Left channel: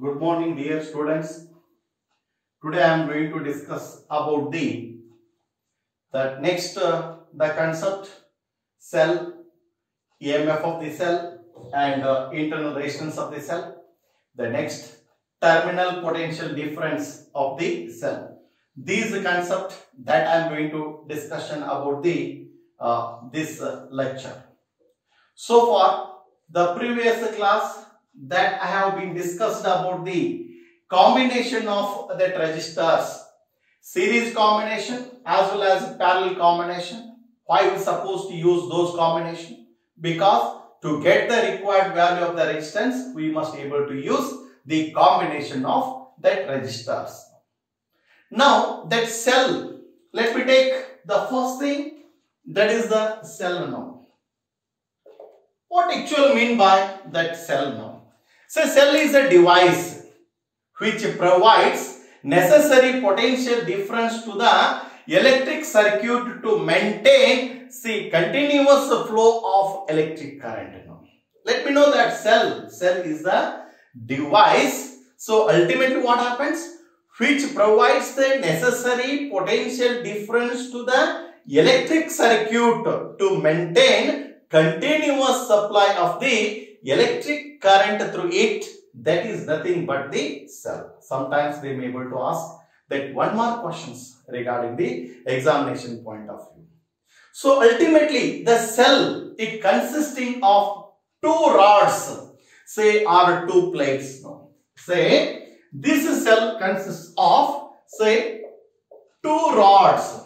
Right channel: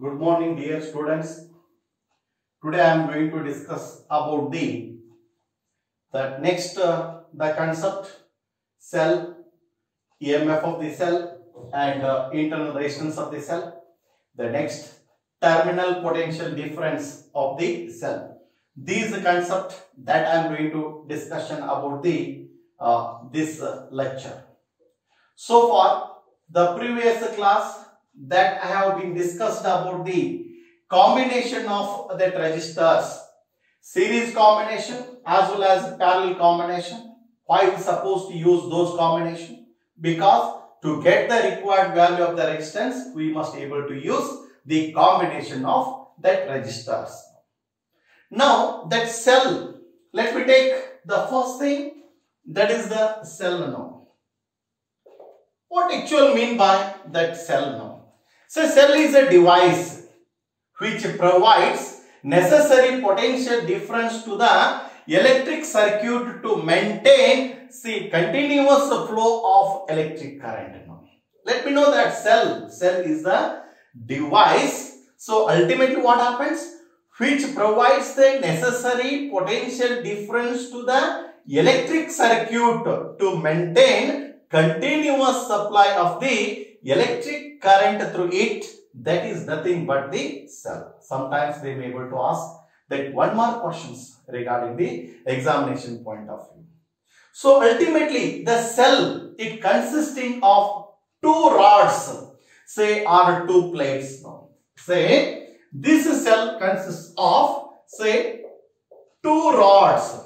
Good morning, dear students. Today I am going to discuss about the concept cell, EMF of the cell, and internal resistance of the cell. The next, terminal potential difference of the cell. These concepts that I am going to discussion about the this lecture. So far, the previous class that I have been discussed about the combination of that resistors, series combination as well as parallel combination. Why we supposed to use those combination? Because to get the required value of the resistance, we must able to use the combination of that resistors. Now that cell, let me take the first thing, that is the cell now. What actually mean by that cell now? So cell is a device which provides necessary potential difference to the electric circuit to maintain continuous flow of electric current. Now, let me know that cell is the device. So ultimately what happens? Which provides the necessary potential difference to the electric circuit to maintain continuous supply of the electric current through it. That is nothing but the cell. Sometimes they may be able to ask that one more questions regarding the examination point of view. So ultimately the cell, it consisting of two rods, say, or two plates. Now, say this cell consists of, say, two rods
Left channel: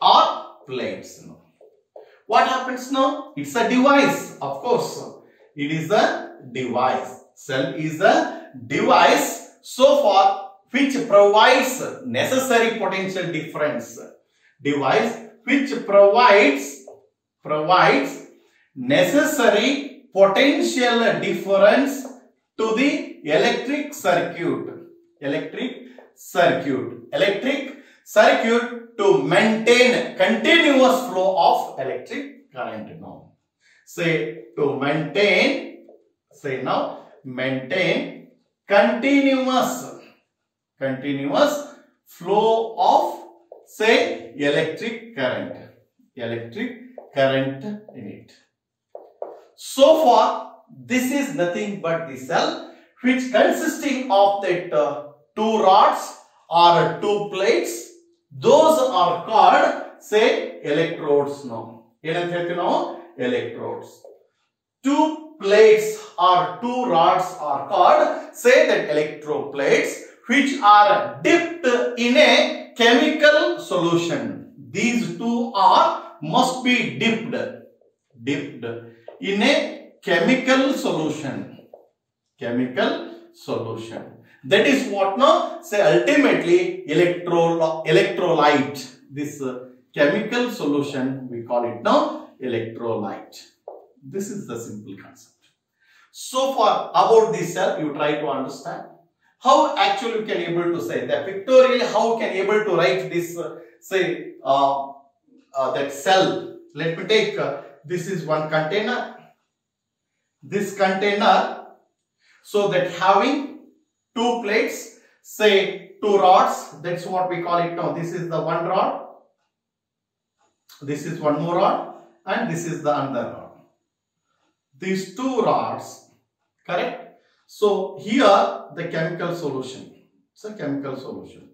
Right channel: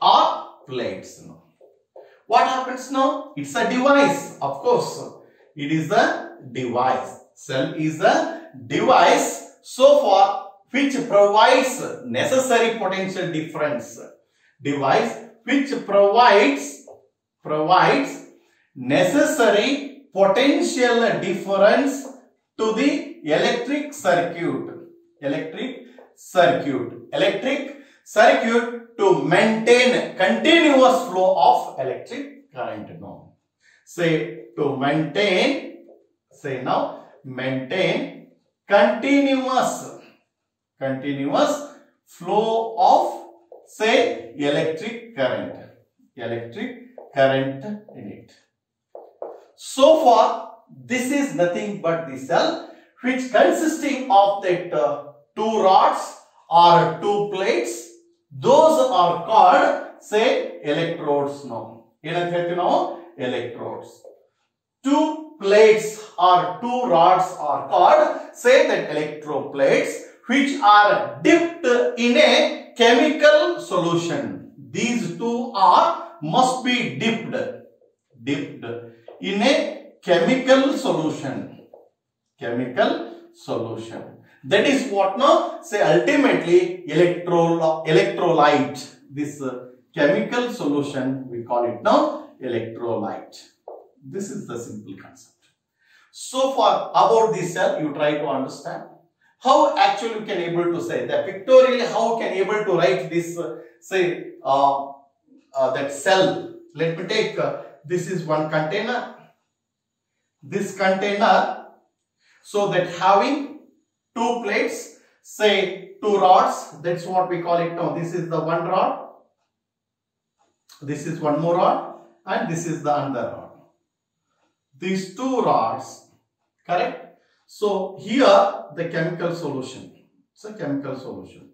or plates. Now, what happens now? It's a device, of course. It is a device. Cell is a device so far which provides necessary potential difference. Device which provides necessary potential difference to the electric circuit to maintain continuous flow of electric current. Now, say to maintain, say now maintain continuous flow of, say, electric current in it. So far this is nothing but the cell which consisting of that two rods or two plates. Those are called, say, electrodes. Now, electrodes. Two plates or two rods are called, say, that electroplates, which are dipped in a chemical solution. These two must be dipped in a chemical solution. That is what now, say, ultimately electrolyte. This chemical solution, we call it now electrolyte. This is the simple concept. So far about this cell, you try to understand how actually you can able to say that pictorially, how can able to write this, say, that cell. Let me take this is one container. This container, so that having two plates, say two rods, that's what we call it now. This is the one rod, this is one more rod, and this is the other rod. These two rods, correct? So here the chemical solution. So chemical solution.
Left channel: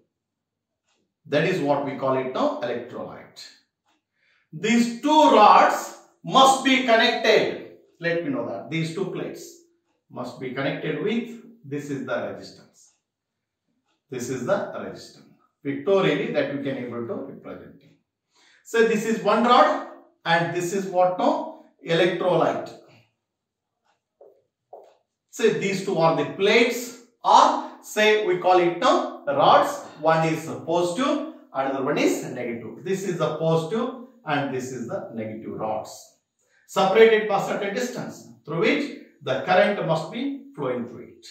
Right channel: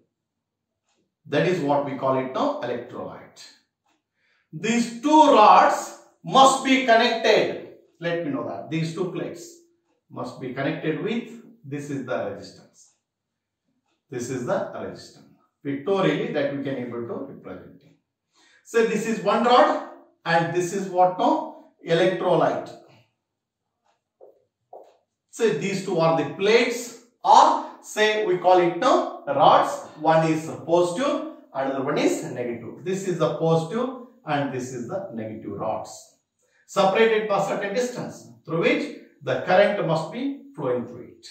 That is what we call it now, electrolyte. These two rods must be connected. Let me know that these two plates must be connected with, this is the resistance. This is the resistance. Pictorially that we can able to represent. So this is one rod and this is what now? Electrolyte. Say these two are the plates, or say we call it now rods. One is positive, another one is negative. This is the positive and this is the negative rods. Separated by certain distance through which the current must be flowing through it.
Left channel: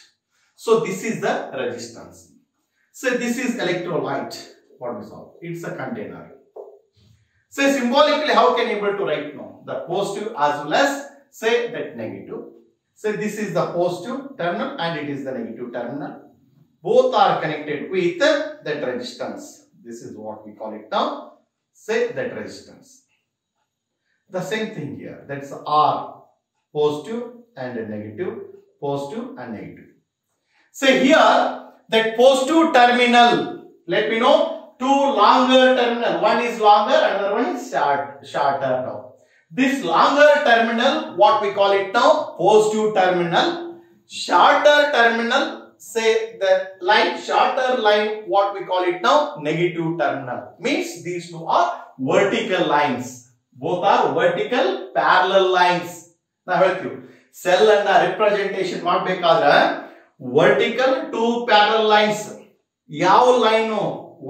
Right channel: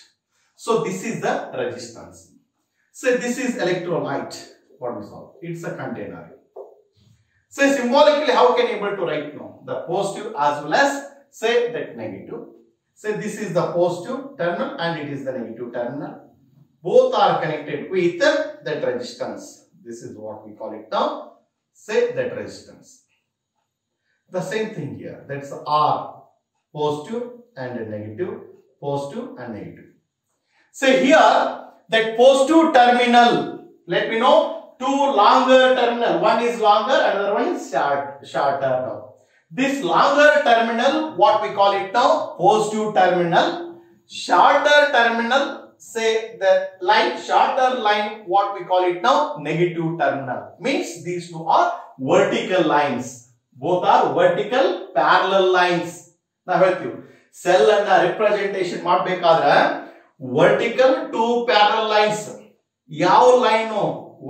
So this is the resistance. So this is electrolyte. What is all? It's a container. So symbolically, how can you able to write now? The positive as well as, say, that negative. Say this is the positive terminal and it is the negative terminal. Both are connected with that resistance. This is what we call it now. Say that resistance. The same thing here. That's R, positive and negative, positive and negative. Say here that positive terminal, let me know, two longer terminal. One is longer, another one is shorter now. This longer terminal, what we call it now, positive terminal. Shorter terminal, say the line, shorter line, what we call it now, negative terminal. Means these two are vertical lines. Both are vertical parallel lines. Now help you. Cell and representation ಮಾಡಬೇಕಾದ್ರೆ vertical two parallel lines. ಯಾವ line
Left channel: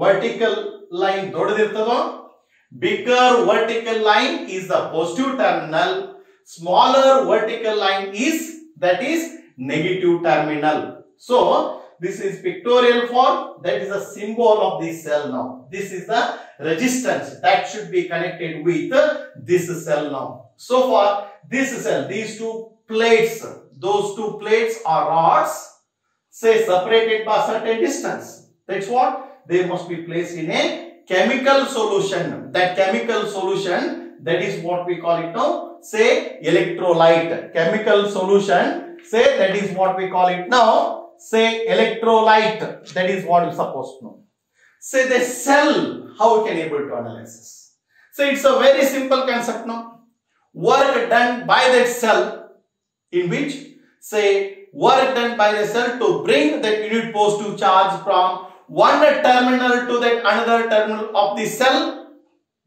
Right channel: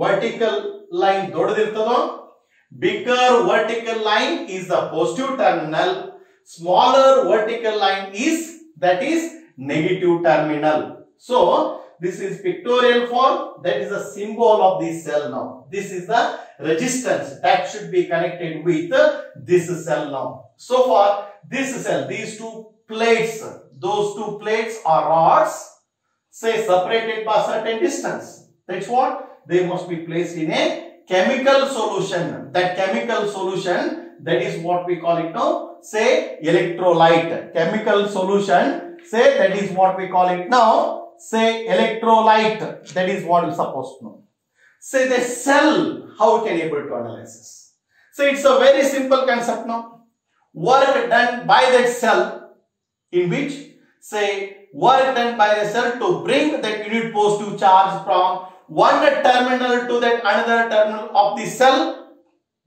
vertical line ದೊಡ್ಡದಿರ್ತದೋ, bigger vertical line is the positive terminal, smaller vertical line is negative terminal. So this is pictorial form, that is a symbol of the cell now. This is the resistance that should be connected with this cell now. So for this cell, these two plates, those two plates are rods, say separated by certain distance. That's what they must be placed in a chemical solution. That chemical solution, that is what we call it now, say electrolyte. Chemical solution, say that is what we call it now, say electrolyte. That is what you're supposed to know. Say the cell, how we can able to analyze this? So it's a very simple concept now. Work done by that cell, in which say work done by the cell to bring that unit positive charge from one terminal to that another terminal of the cell.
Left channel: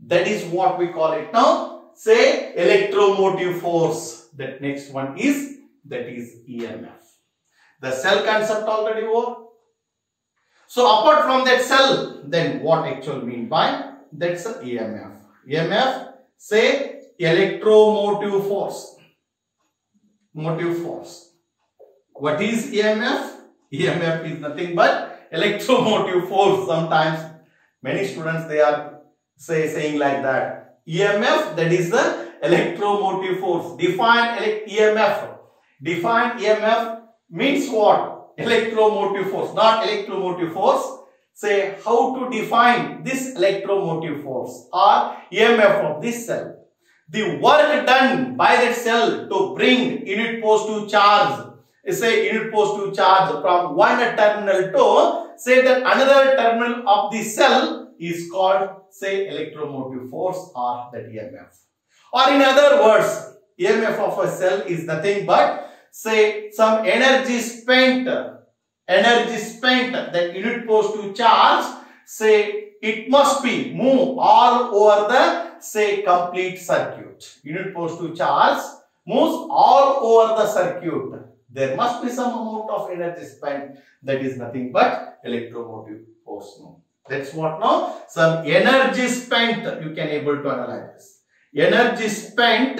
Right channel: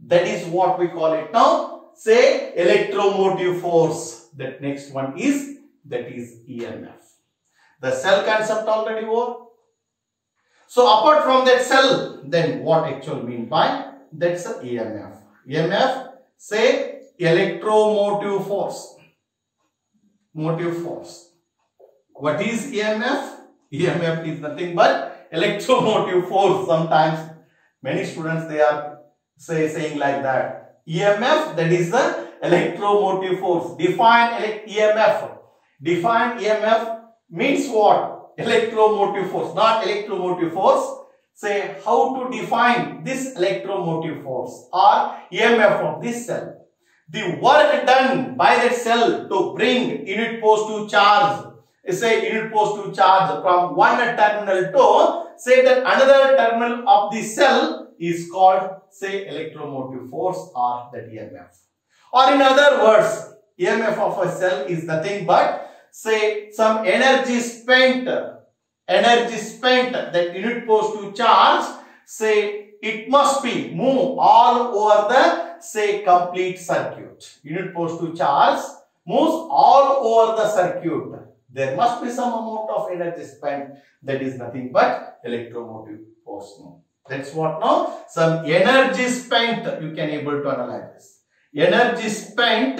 That is what we call it now, say electromotive force. That next one is, that is EMF. The cell concept already over. So apart from that cell, then what actually mean by that's a EMF. EMF, say electromotive force. Motive force. What is EMF? EMF is nothing but electromotive force. Sometimes many students they are saying like that. EMF, that is the electromotive force. Define EMF. Define EMF means what? Electromotive force, not electromotive force. Say how to define this electromotive force or EMF of this cell. The work done by that cell to bring unit positive charge, say unit positive charge from one terminal to say that another terminal of the cell is called say electromotive force or that EMF. Or in other words, EMF of a cell is nothing but say some energy spent, that unit positive charge, say it must be move all over the say complete circuit. Unit positive charge moves all over the circuit. There must be some amount of energy spent, that is nothing but electromotive force. That's what now, some energy spent, you can able to analyze this. Energy spent,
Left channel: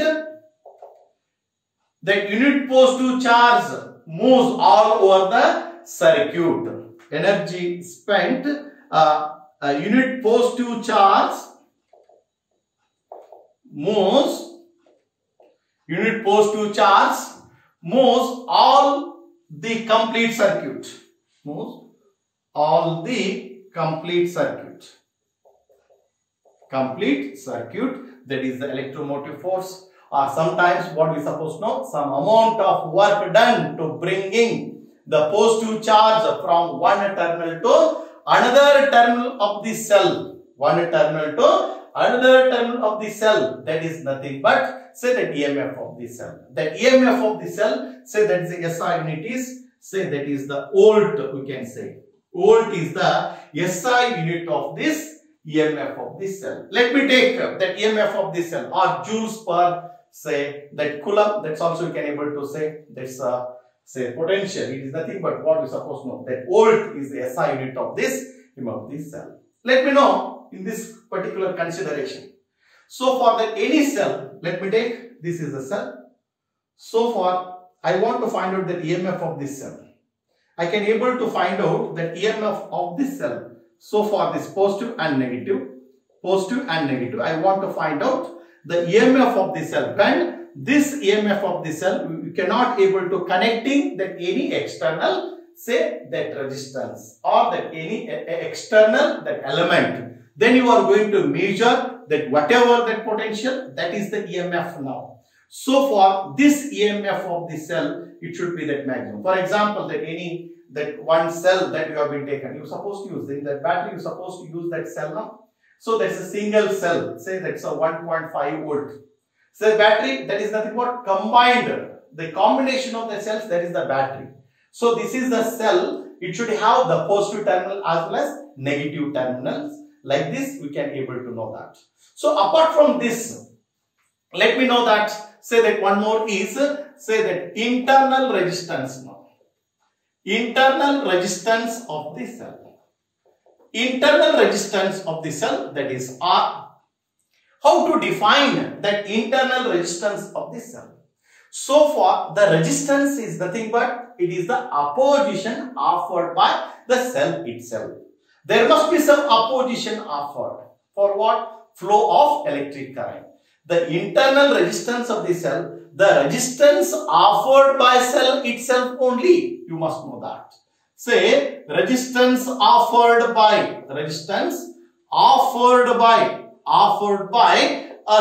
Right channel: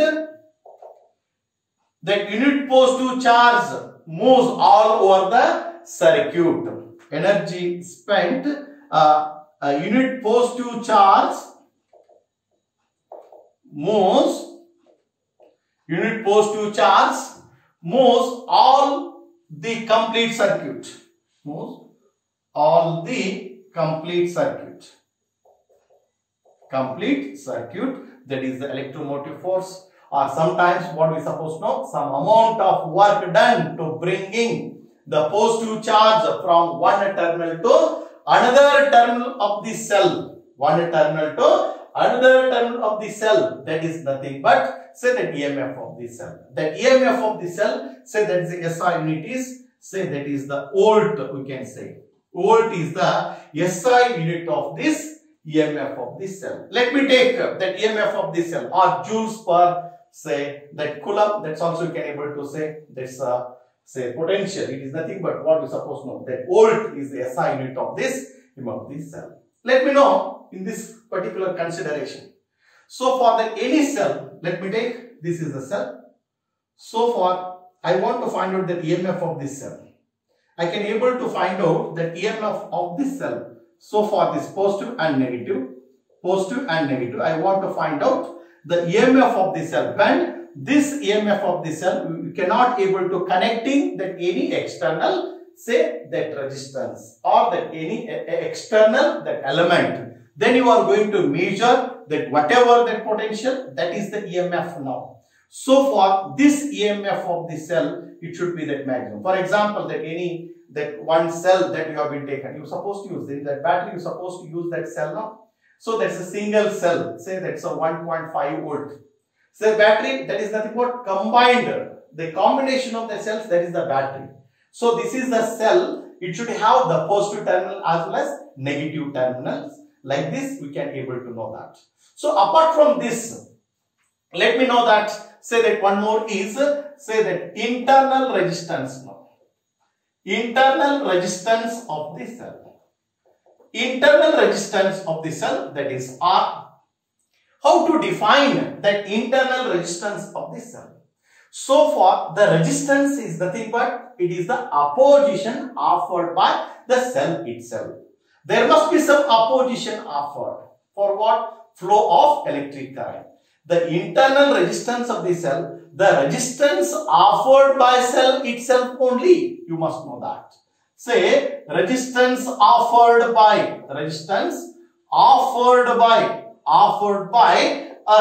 that unit positive charge moves all over the circuit. Energy spent, unit positive charge moves, unit positive charge moves all the complete circuit. Moves all the complete circuit. Complete circuit, that is the electromotive force. Or sometimes what we supposed to know, some amount of work done to bringing the positive charge from one terminal to another terminal of the cell. One terminal to another terminal of the cell. That is nothing but say the EMF of the cell. The EMF of the cell, say that is the SI unit is, say that is the volt, we can say. Volt is the SI unit of this EMF of this cell. Let me take that EMF of this cell or joules per say that coulomb. That's also you can able to say that's say potential. It is nothing but what we supposed to know, that volt is the SI unit of this EMF of this cell. Let me know in this particular consideration. So for that any cell, let me take this is the cell. So far I want to find out the EMF of this cell. I can able to find out that EMF of this cell. So for this positive and negative, I want to find out the EMF of the cell when this EMF of the cell, you cannot able to connecting that any external, say that resistance or that any external that element. Then you are going to measure that whatever that potential, that is the EMF now. So for this EMF of the cell, it should be that maximum. For example, that one cell that you have been taken, you are supposed to use in that battery, you are supposed to use that cell now. So that's a single cell, say that's a 1.5 volt. So the battery, that is nothing but combined, the combination of the cells, that is the battery. So this is the cell, it should have the positive terminal as well as negative terminals. Like this, we can able to know that. So apart from this, let me know that, say that one more is, say that internal resistance now. Internal resistance of the cell. Internal resistance of the cell, that is R. How to define that internal resistance of the cell? So far, the resistance is nothing but it is the opposition offered by the cell itself. There must be some opposition offered. For what? Flow of electric current. The internal resistance of the cell, the resistance offered by cell itself only. You must know that. Say resistance offered by a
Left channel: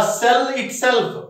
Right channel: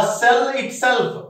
cell itself.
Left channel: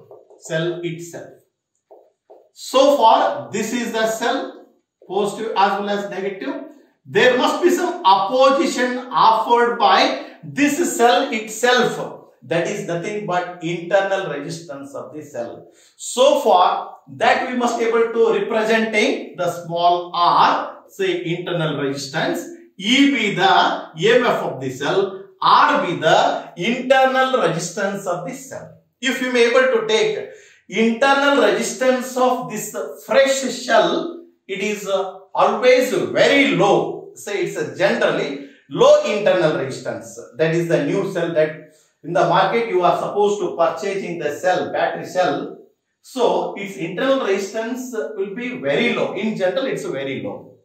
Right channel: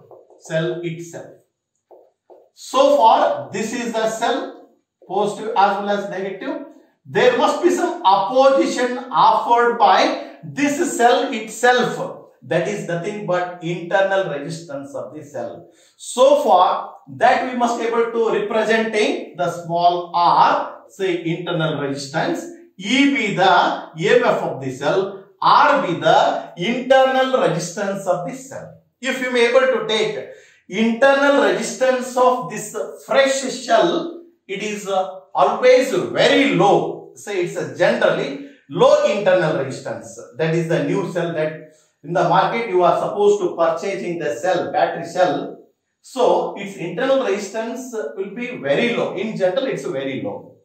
So far, this is the cell, positive as well as negative. There must be some opposition offered by this cell itself. That is nothing but internal resistance of the cell. So far, that we must be able to representing the small r, say internal resistance, E be the EMF of the cell, R be the internal resistance of the cell. If you may able to take internal resistance of this fresh shell, it is always very low. Say it's a generally low internal resistance. That is the new cell that in the market you are supposed to purchasing the cell, battery cell. So its internal resistance will be very low. In general, it's very low.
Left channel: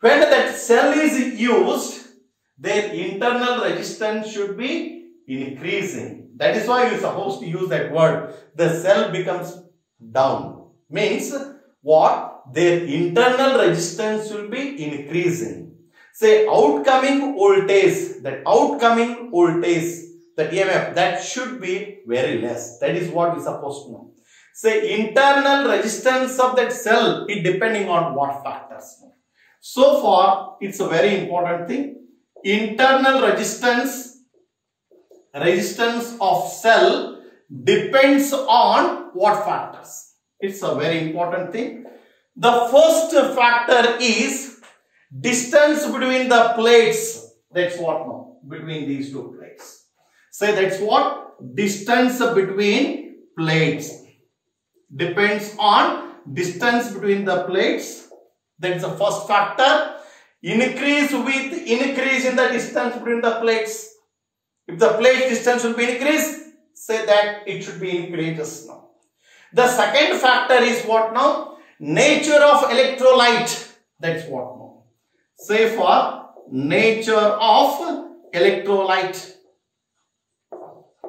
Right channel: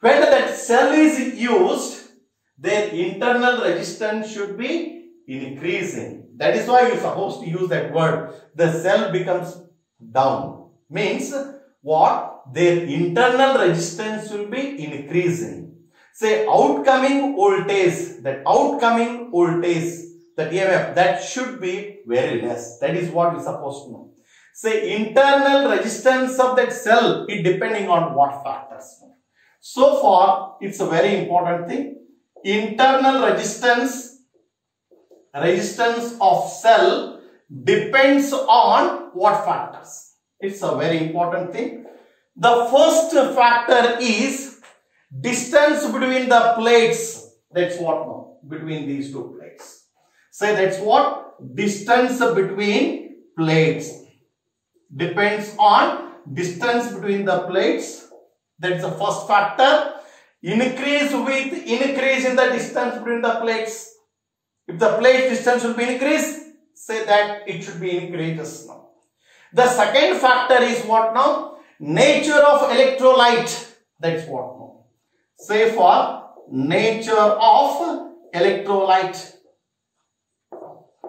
When that cell is used, their internal resistance should be increasing. That is why you are supposed to use that word. The cell becomes down. Means what? Their internal resistance will be increasing. Say outcoming voltage, that EMF, that should be very less. That is what we are supposed to know. Say internal resistance of that cell, it depending on what factors. So far, it's a very important thing. Internal resistance of cell depends on what factors. It's a very important thing. The first factor is distance between the plates. That's what now, between these two plates. Say that's what? Distance between plates. Depends on distance between the plates. That's the first factor. Increase with increase in the distance between the plates. If the plate distance will be increased, say that it should be increased now. The second factor is what now? Nature of electrolyte. That's what now. Say for nature of electrolyte.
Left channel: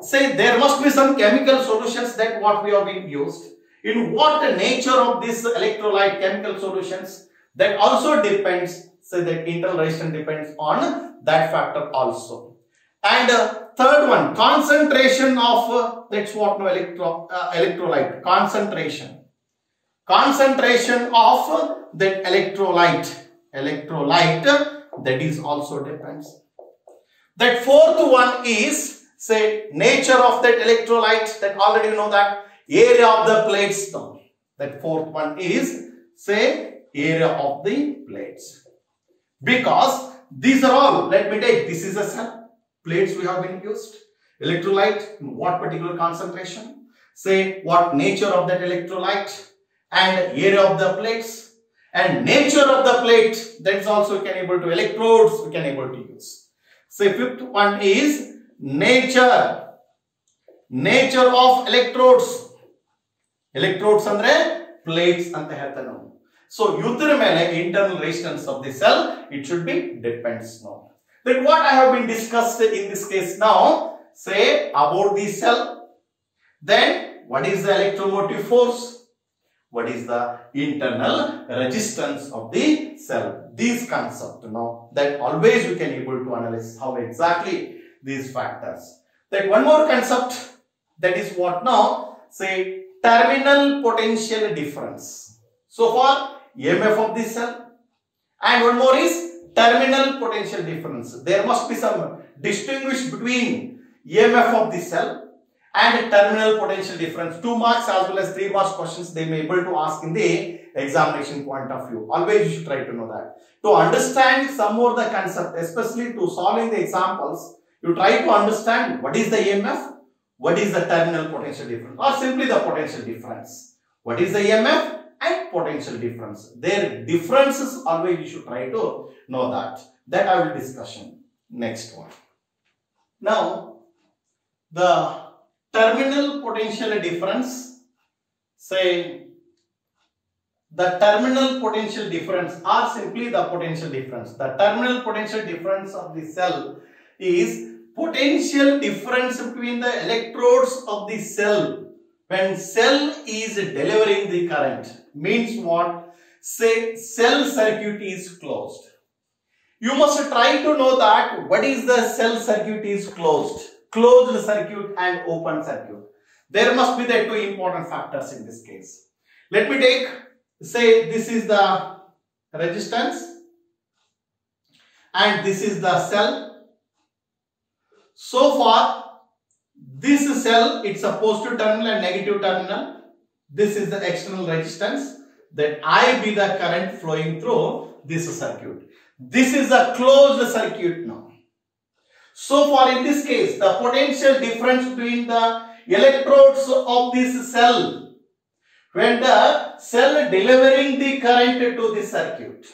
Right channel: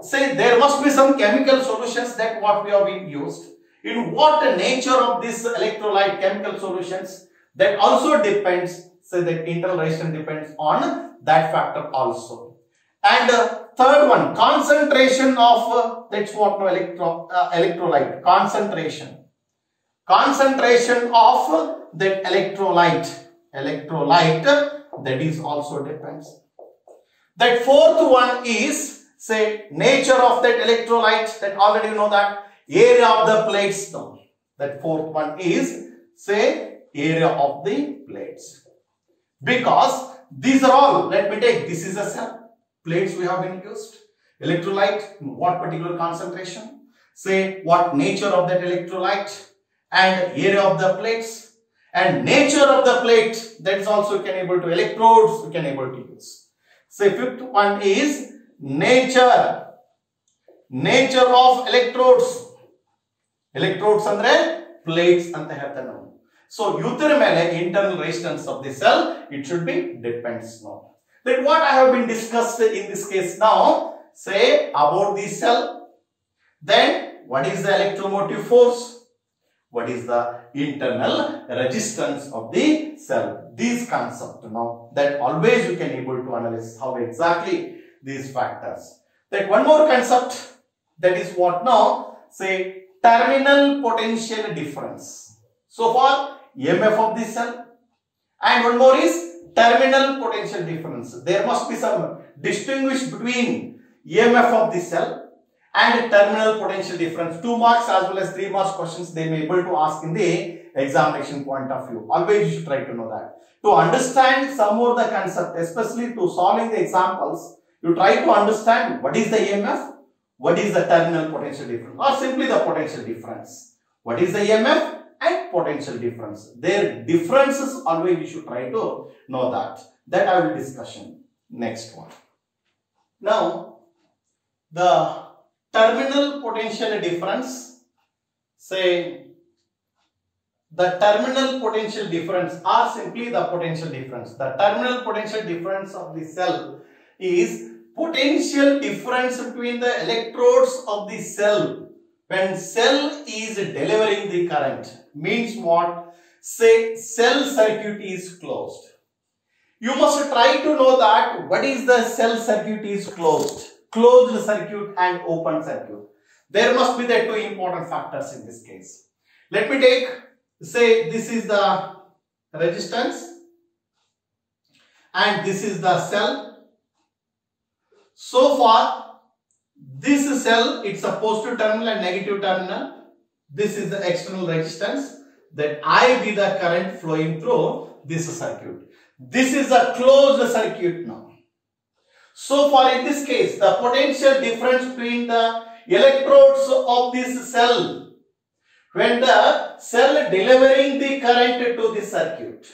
Say there must be some chemical solutions that what we have been used. In what nature of this electrolyte chemical solutions, that also depends. Say that internal resistance depends on that factor also. And third one, concentration of that's what now electrolyte. Concentration of that electrolyte. That is also depends. That fourth one is say nature of that electrolyte, that already know that. Area of the plates now. That fourth one is say area of the plates. Because these are all, let me take, this is a cell. Plates we have been used. Electrolyte, in what particular concentration. Say what nature of that electrolyte. And area of the plates. And nature of the plate, that's also can able to electrodes, we can able to use. Say fifth one is nature of electrodes. Electrodes andre plates anta ಹೇಳ್ತಾರೆ ನಾವು. So ಇದರ ಮೇಲೆ internal resistance of the cell, it should be depends now. Then what I have been discussed in this case now, say about the cell, then what is the electromotive force, what is the internal resistance of the cell. These concepts now that always we can able to analyze how exactly these factors. That one more concept, that is what now, say terminal potential difference. So far EMF of the cell, and one more is terminal potential difference. There must be some distinguish between EMF of the cell and terminal potential difference. 2 marks as well as 3 marks questions they may able to ask in the examination point of view. Always you should try to know that. To understand some more the concept, especially to solving the examples, you try to understand what is the EMF, what is the terminal potential difference, or simply the potential difference. What is the EMF and potential difference? Their differences always you should try to know that. That I will discussion next one. Now the terminal potential difference, say the terminal potential difference or simply the potential difference. The terminal potential difference of the cell is potential difference between the electrodes of the cell when cell is delivering the current. Means what? Say cell circuit is closed. You must try to know that what is the cell circuit is closed. Closed circuit and open circuit. There must be the 2 important factors in this case. Let me take, say this is the resistance and this is the cell. So far this cell, it's a positive terminal and negative terminal. This is the external resistance, that I be the current flowing through this circuit. This is a closed circuit now. So far in this case, the potential difference between the electrodes of this cell when the cell delivering the current to the circuit.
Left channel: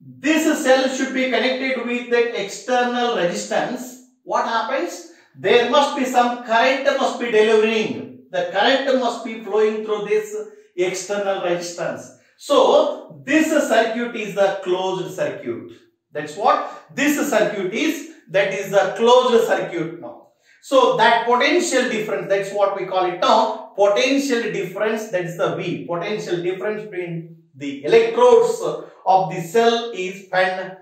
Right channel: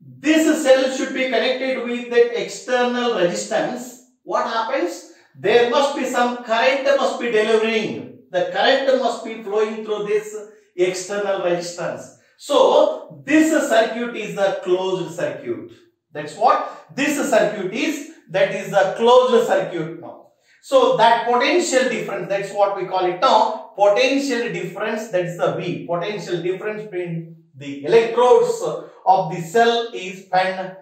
This cell should be connected with the external resistance. What happens? There must be some current must be delivering. The current must be flowing through this external resistance. So this circuit is the closed circuit. That's what this circuit is. That is the closed circuit now. So that potential difference, that's what we call it now. Potential difference, that is the V. Potential difference between the electrodes of the cell is when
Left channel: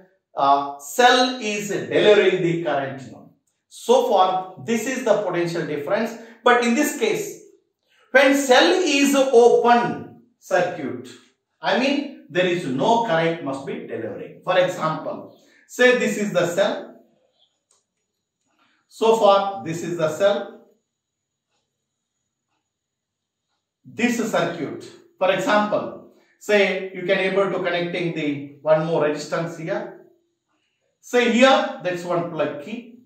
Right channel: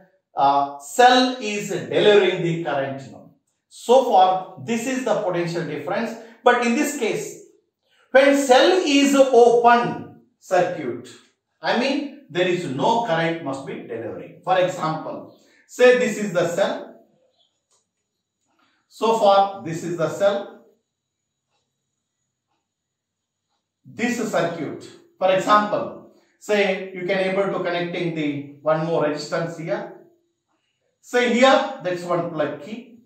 cell is delivering the current now. So far this is the potential difference. But in this case, when cell is open circuit, I mean there is no current must be delivering. For example, say this is the cell. So far this is the cell. This circuit, for example, say you can able to connecting the one more resistance here. Say here that's one plug key.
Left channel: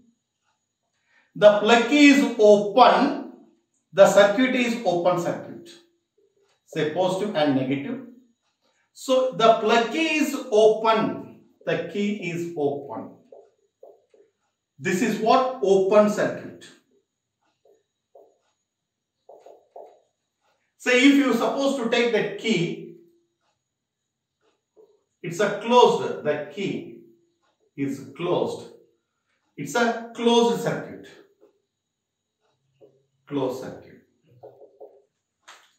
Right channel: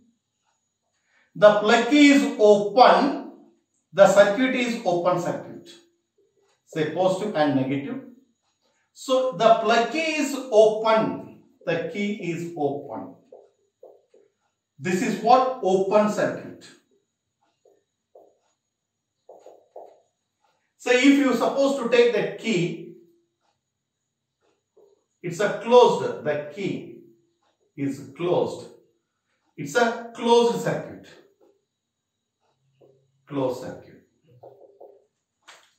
The plug key is open. The circuit is open circuit. Say positive and negative. So the plug key is open. The key is open. This is what? Open circuit. So if you suppose to take that key, it's a closed, the key is closed. It's a closed circuit. Closed circuit.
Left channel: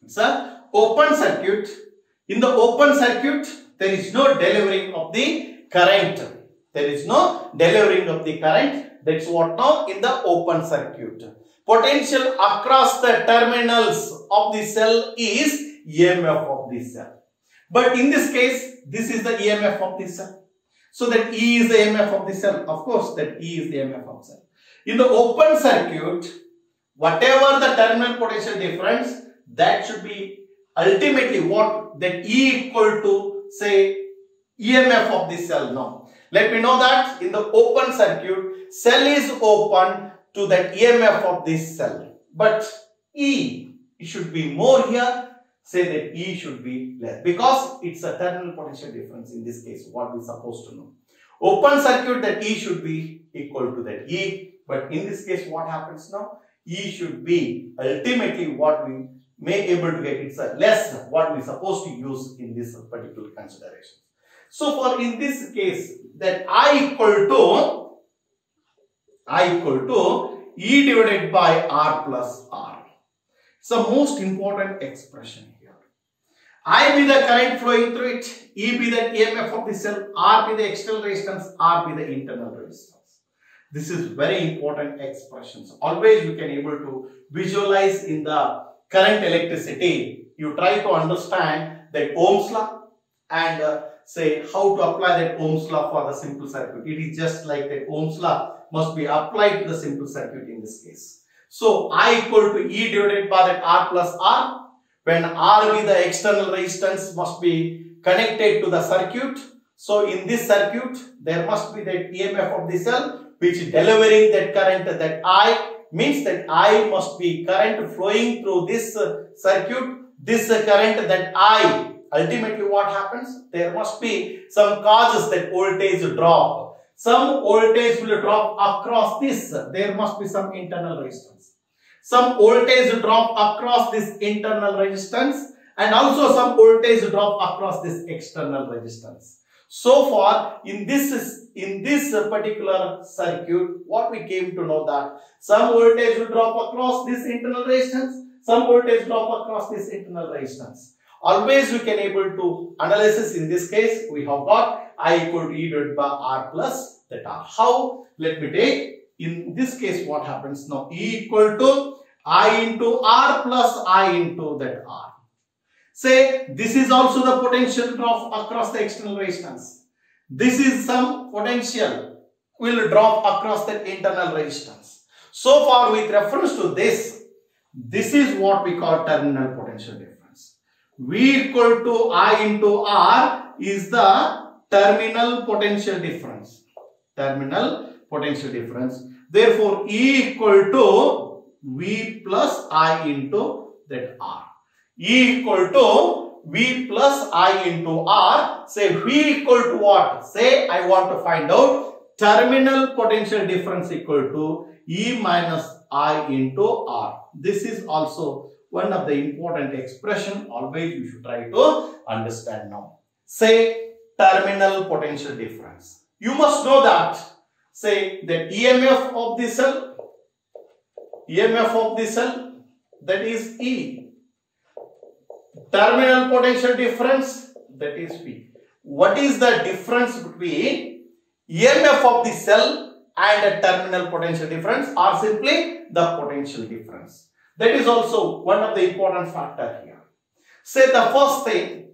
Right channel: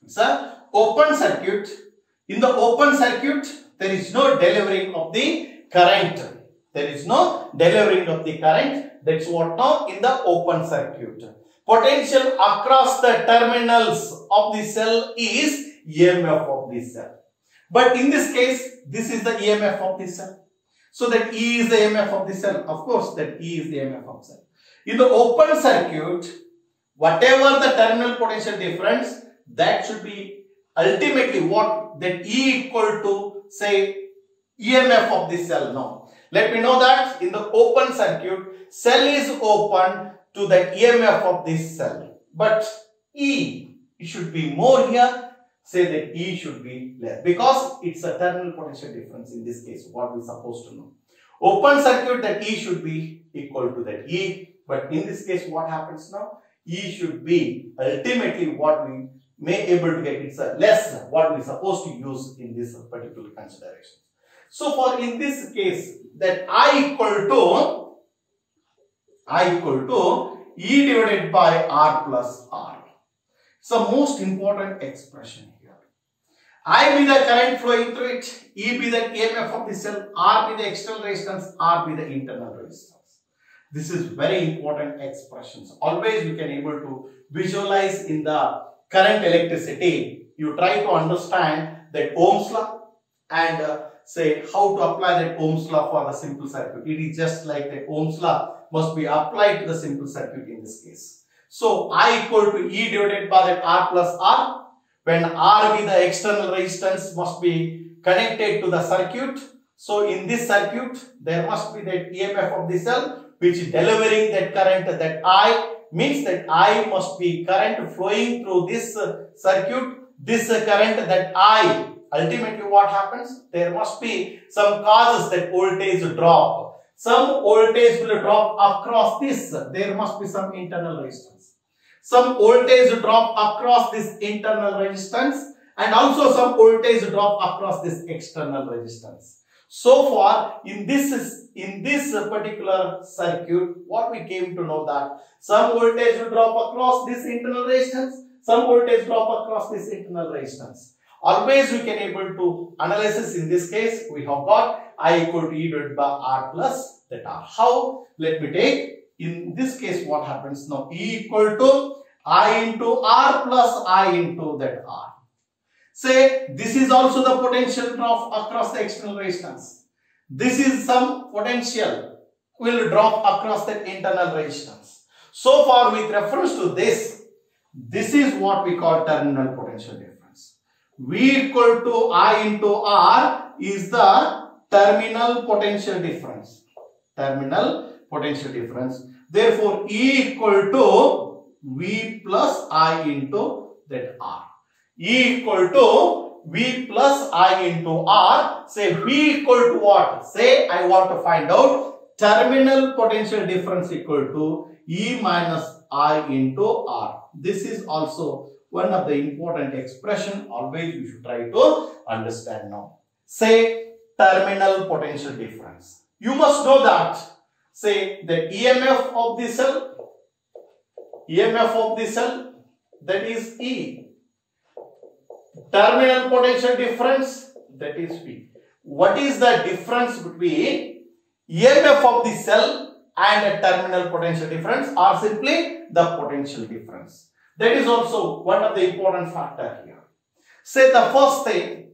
It's a open circuit. In the open circuit, there is no delivering of the current. There is no delivering of the current. That's what now in the open circuit. Potential across the terminals of the cell is EMF of the cell. But in this case, this is the EMF of the cell. So that E is the EMF of the cell. Of course, that E is the EMF of the cell. In the open circuit, whatever the terminal potential difference, that should be ultimately what? That E equal to, say, EMF of the cell. No. Let me know that in the open circuit, cell is open to that EMF of this cell. But E, it should be more here. Say that E should be less. Because it's a terminal potential difference in this case. What we're supposed to know. Open circuit, that E should be equal to that E. But in this case, what happens now? E should be ultimately what we may able to get. It's a less what we're supposed to use in this particular consideration. So for in this case, that I equal to E divided by R plus R. It's the most important expression here. I be the current flowing through it, E be the EMF of the cell, R be the external resistance, R be the internal resistance. This is very important expressions. Always you can able to visualize in the current electricity. You try to understand that Ohm's law and say how to apply that Ohm's law for the simple circuit. It is just like that Ohm's law must be applied to the simple circuit in this case. So I equal to E divided by that R plus R. When R be the external resistance must be connected to the circuit. So in this circuit there must be that EMF of the cell which delivering that current, that I means that I must be current flowing through this circuit. This current that I, ultimately what happens? There must be some causes that voltage drop. Some voltage will drop across this. There must be some internal resistance. Some voltage drop across this internal resistance and also some voltage drop across this external resistance. So far in this particular circuit, what we came to know that some voltage will drop across this internal resistance, some voltage drop across this internal resistance. Always we can able to analysis. In this case we have got I equal to E divided by R plus that R. How? Let me take in this case what happens now. E equal to I into R plus I into that R. Say this is also the potential drop across the external resistance. This is some potential will drop across the internal resistance. So far with reference to this is what we call terminal potential difference. V equal to I into R is the terminal potential difference. Terminal potential difference. Therefore, E equal to V plus I into that R. E equal to V plus I into R. Say V equal to what? Say I want to find out terminal potential difference equal to E minus I into R. This is also one of the important expression. Always you should try to understand now. Say terminal potential difference. You must know that. Say the EMF of the cell. EMF of the cell, that is E. Terminal potential difference, that is P. What is the difference between EMF of the cell and a terminal potential difference, or simply the potential difference? That is also one of the important factor here. Say the first thing,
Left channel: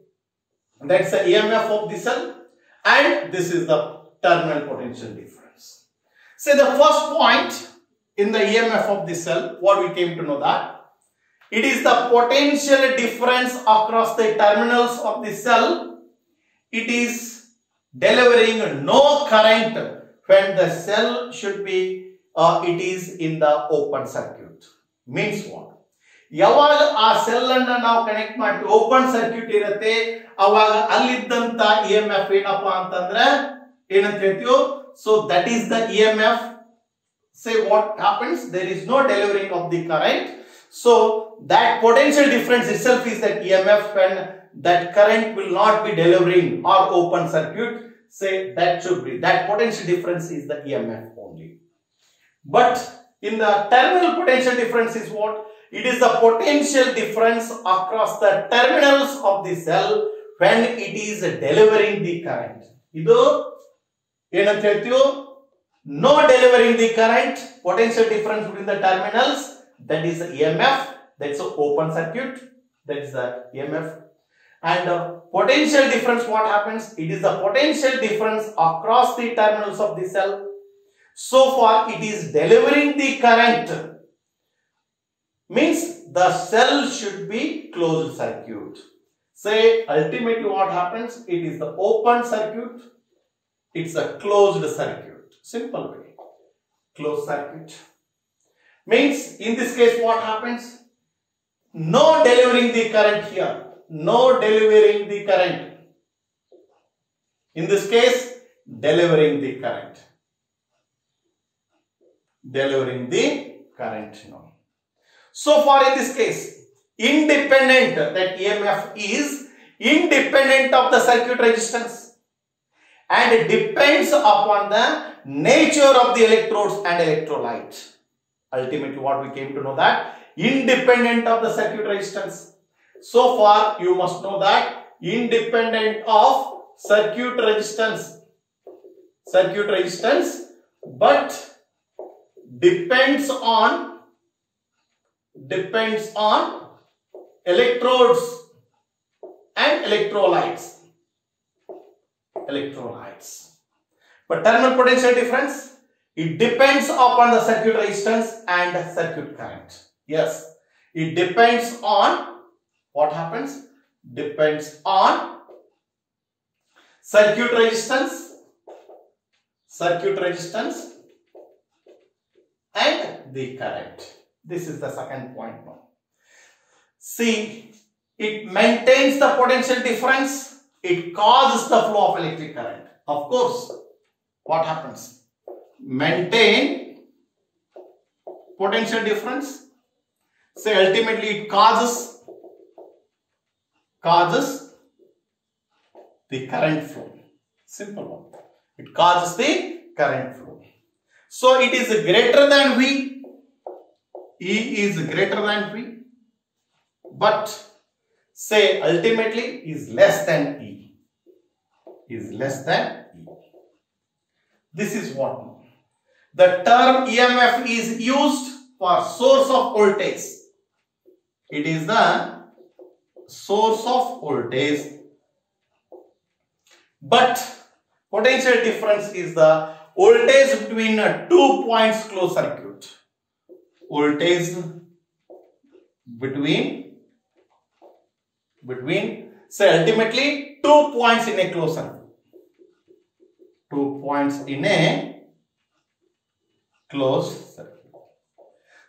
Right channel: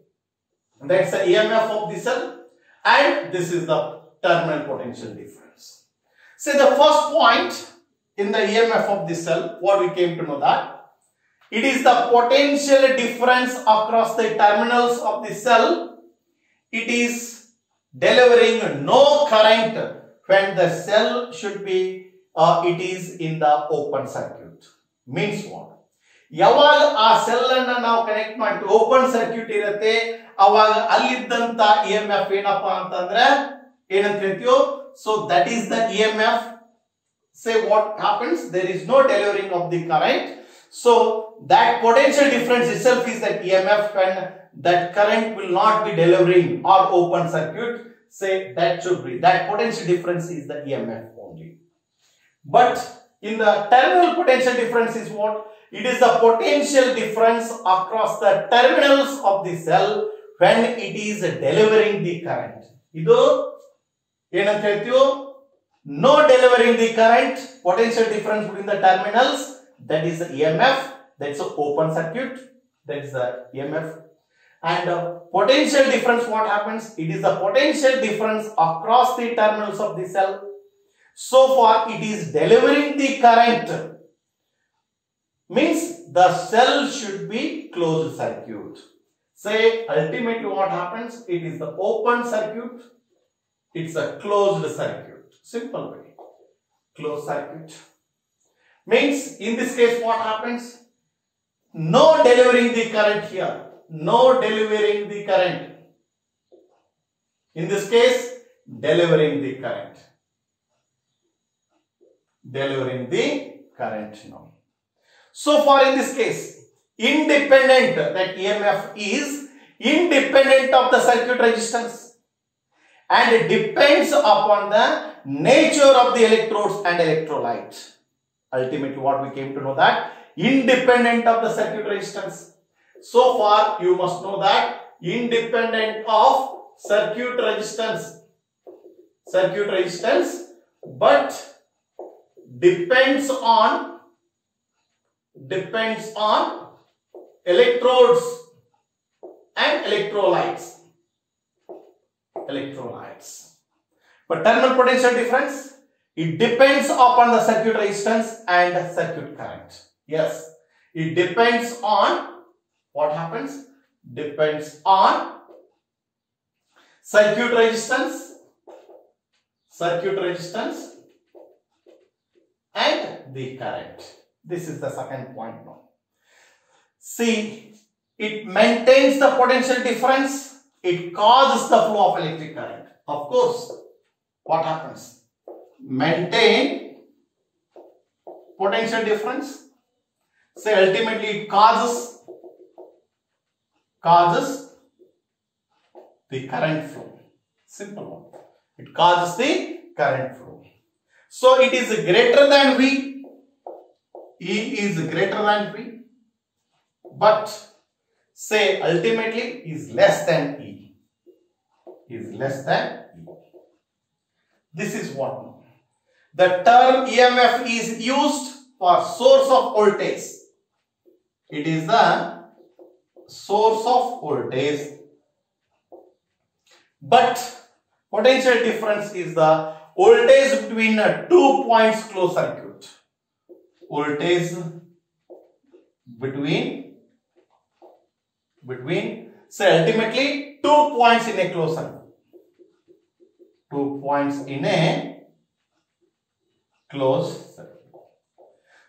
that's the EMF of the cell, and this is the terminal potential difference. Say the first point in the EMF of the cell, what we came to know that it is the potential difference across the terminals of the cell. It is delivering no current when the cell should be it is in the open circuit. Means what? ಯಾವಾಗ ಆ cell ಅನ್ನು ನಾವು connect ಮಾಡ್ತೀವಿ open circuit ಇರುತ್ತೆ ಅವಾಗ ಅಲ್ಲಿದ್ದಂತ EMF ಏನಪ್ಪಾ ಅಂತಂದ್ರೆ ಏನಂತ ಹೇಳ್ತೀವಿ so that is the EMF. Say what happens, there is no delivering of the current, so that potential difference itself is that EMF when that current will not be delivering or open circuit. Say that should be that potential difference is the EMF only. But in the terminal potential difference is what? It is the potential difference across the terminals of the cell when it is delivering the current. Idu ಏನಂತ ಹೇಳ್ತೀವಿ? No delivering the current, potential difference between the terminals, that is the EMF, that's an open circuit, that is the EMF. And potential difference, what happens? It is the potential difference across the terminals of the cell. So far it is delivering the current, means the cell should be closed circuit. Say ultimately what happens? It is the open circuit, it's a closed circuit. Simple way. Closed circuit. Means in this case what happens? No delivering the current here. No delivering the current. In this case, delivering the current. Delivering the current now. So far in this case, independent, that EMF is independent of the circuit resistance and it depends upon the nature of the electrodes and electrolyte. Ultimately what we came to know that independent of the circuit resistance. So far you must know that independent of circuit resistance, but depends on electrodes and electrolytes. But terminal potential difference, it depends upon the circuit resistance and circuit current. Yes, it depends on what happens? Depends on circuit resistance and the current. This is the second point now. See, it maintains the potential difference. It causes the flow of electric current. Of course, what happens? Maintain potential difference. Say ultimately it causes the current flow. Simple one. It causes the current flow. So it is greater than V. E is greater than V. But say ultimately is less than E. This is what? The term EMF is used for source of voltage. It is the source of voltage. But potential difference is the voltage between 2 points closed circuit. Voltage between say ultimately 2 points in a closed circuit. 2 points in a closed circuit.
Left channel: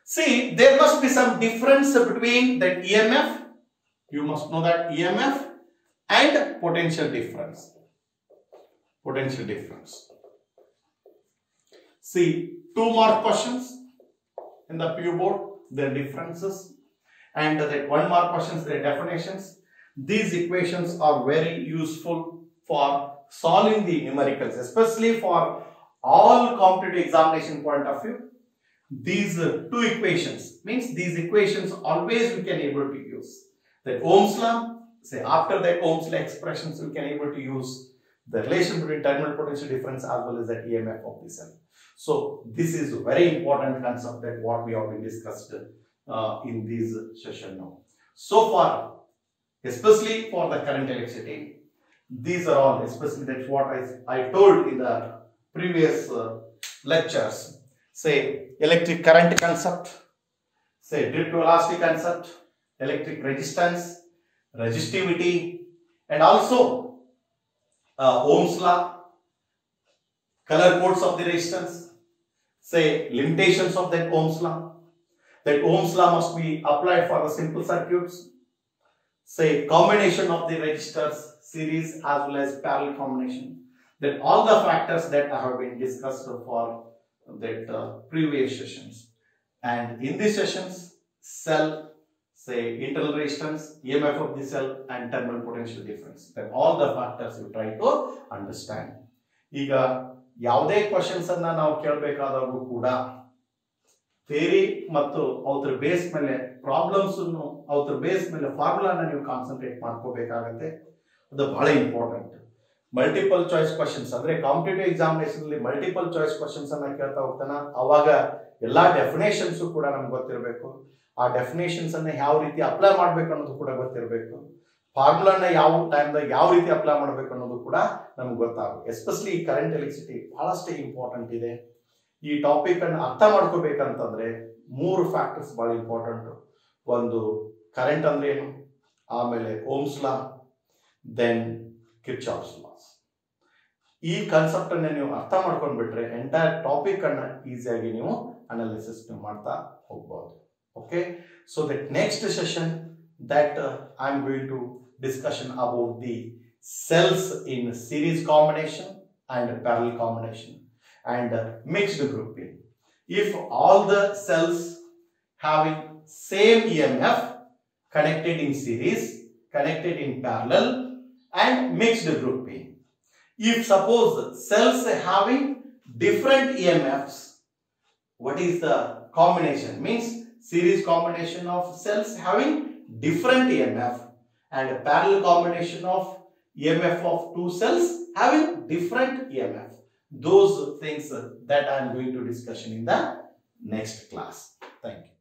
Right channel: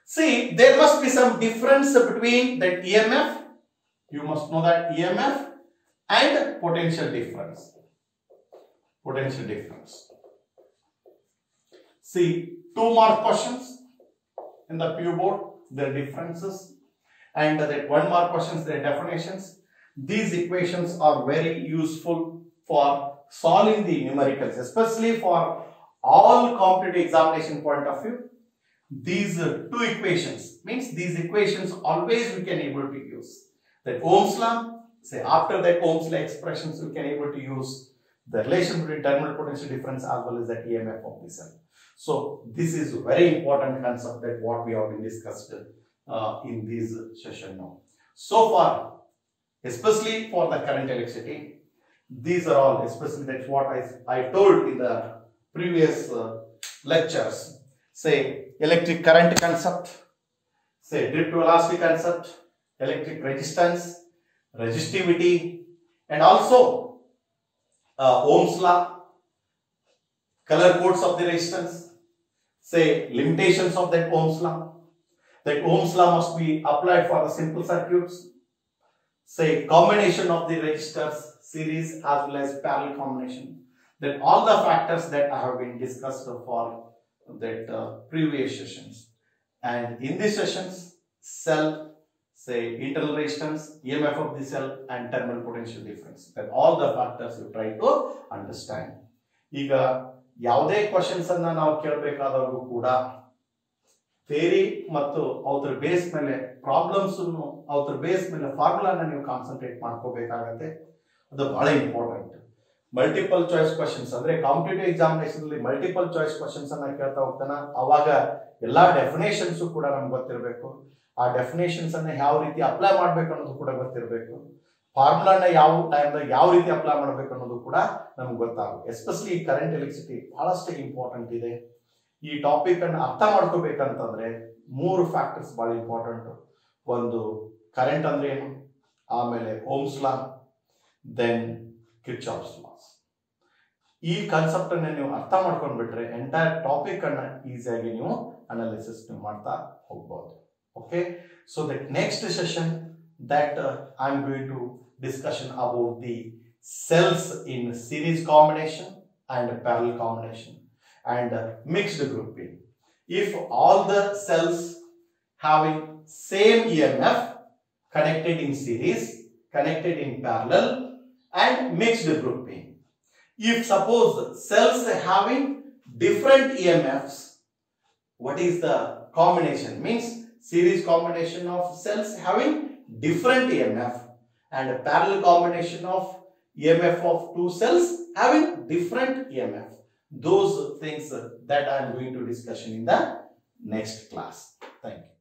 See, there must be some difference between that EMF. You must know that EMF and potential difference. See, 2 mark questions in the PU board, their differences, and that 1 mark questions, their definitions. These equations are very useful for solving the numericals, especially for all competitive examination point of view. These 2 equations means these equations always we can able to use. That Ohm's law, say after that Ohm's law expressions we can able to use the relation between terminal potential difference as well as the EMF of the cell. So this is a very important concept that what we have been discussed in this session now. So far, especially for the current electricity, these are all, especially that's what I told in the previous lectures. Say electric current concept, say drift velocity concept, electric resistance, resistivity, and also Ohm's law, color codes of the resistance, say limitations of that Ohm's law. That Ohm's law must be applied for the simple circuits. Say combination of the resistors, series as well as parallel combination. Then all the factors that have been discussed for that previous sessions. And in these sessions, cell, say internal resistance, EMF of the cell, and terminal potential difference. Then all the factors you try to understand. ಈಗ ಯಾವುದೇ questions ಅನ್ನ ನಾವು ಕೇಳಬೇಕಾದವರು ಕೂಡ theory ಮತ್ತು ಅದರ base ಮೇಲೆ problems ಅನ್ನು ಅದರ ಬೇಸ್ ಮೇಲೆ ಫಾರ್ಮುಲಾನ ನೀವು ಕಾನ್ಸಂಟ್ರೇಟ್ ಮಾಡ್ಕೋಬೇಕಾಗತ್ತೆ. ಅದು ಬಹಳ ಇಂಪಾರ್ಟೆಂಟ್. ಮಲ್ಟಿಪಲ್ ಚಾಯ್ಸ್ ಕ್ವೆಶ್ಚನ್ಸ್ ಅಂದ್ರೆ ಕಾಂಪಿಟೇಟಿವ್ ಎಕ್ಸಾಮಿನೇಷನ್ ಅಲ್ಲಿ ಮಲ್ಟಿಪಲ್ ಚಾಯ್ಸ್ ಕ್ವೆಶ್ಚನ್ಸ್ ಅನ್ನ ಕೇಳ್ತಾ ಹೋಗ್ತಾನ, ಅವಾಗ ಎಲ್ಲಾ ಡೆಫಿನೇಷನ್ಸ್ ಕೂಡ ನಮ್ಗೆ ಗೊತ್ತಿರಬೇಕು. ಆ ಡೆಫಿನೇಷನ್ಸ್ ಅನ್ನ ಯಾವ ರೀತಿ ಅಪ್ಲೈ ಮಾಡ್ಬೇಕು ಅನ್ನೋದು ಕೂಡ ಗೊತ್ತಿರಬೇಕು. ಫಾರ್ಮುಲಾನ ಯಾವ ಟೈಮ್ದಾಗ ಯಾವ ರೀತಿ ಅಪ್ಲೈ ಮಾಡಬೇಕು ಅನ್ನೋದು ಕೂಡ ನಮ್ಗೆ ಗೊತ್ತಾಗುತ್ತೆ. ಎಸ್ಪೆಷಲಿ ಕರೆಂಟ್ ಎಲೆಕ್ಟ್ರಿಸಿಟಿ ಬಹಳಷ್ಟು ಇಂಪಾರ್ಟೆಂಟ್ ಇದೆ. ಈ ಟಾಪಿಕ್ ಅನ್ನು ಅರ್ಥ ಮಾಡ್ಕೋಬೇಕಂತಂದ್ರೆ 3 ಫ್ಯಾಕ್ಟರ್ಸ್ ಬಹಳ ಇಂಪಾರ್ಟೆಂಟ್. ಒಂದು ಕರೆಂಟ್ ಅಂದ್ರೆ ಏನು, ಆಮೇಲೆ Ohm's law, then Kirchhoff's laws. ಈ ಕಾನ್ಸೆಪ್ಟ್ ಅನ್ನ ನೀವು ಅರ್ಥ ಮಾಡ್ಕೊಂಡ್ಬಿಟ್ರೆ ಎಂಟೈರ್ ಟಾಪಿಕ್ ಅನ್ನ ಈಸಿಯಾಗಿ ನೀವು ಅನಾಲಿಸಿಸ್ ಮಾಡ್ತಾ ಹೋಗ್ಬಹುದು. Okay, so that next session that I'm going to discussion about the cells in series combination and parallel combination and mixed grouping. If all the cells having same EMF connected in series, connected in parallel and mixed grouping. If suppose cells having different EMFs, what is the combination? Means series combination of cells having different EMF, and a parallel combination of EMF of two cells having different EMF. Those things that I am going to discuss in the next class. Thank you.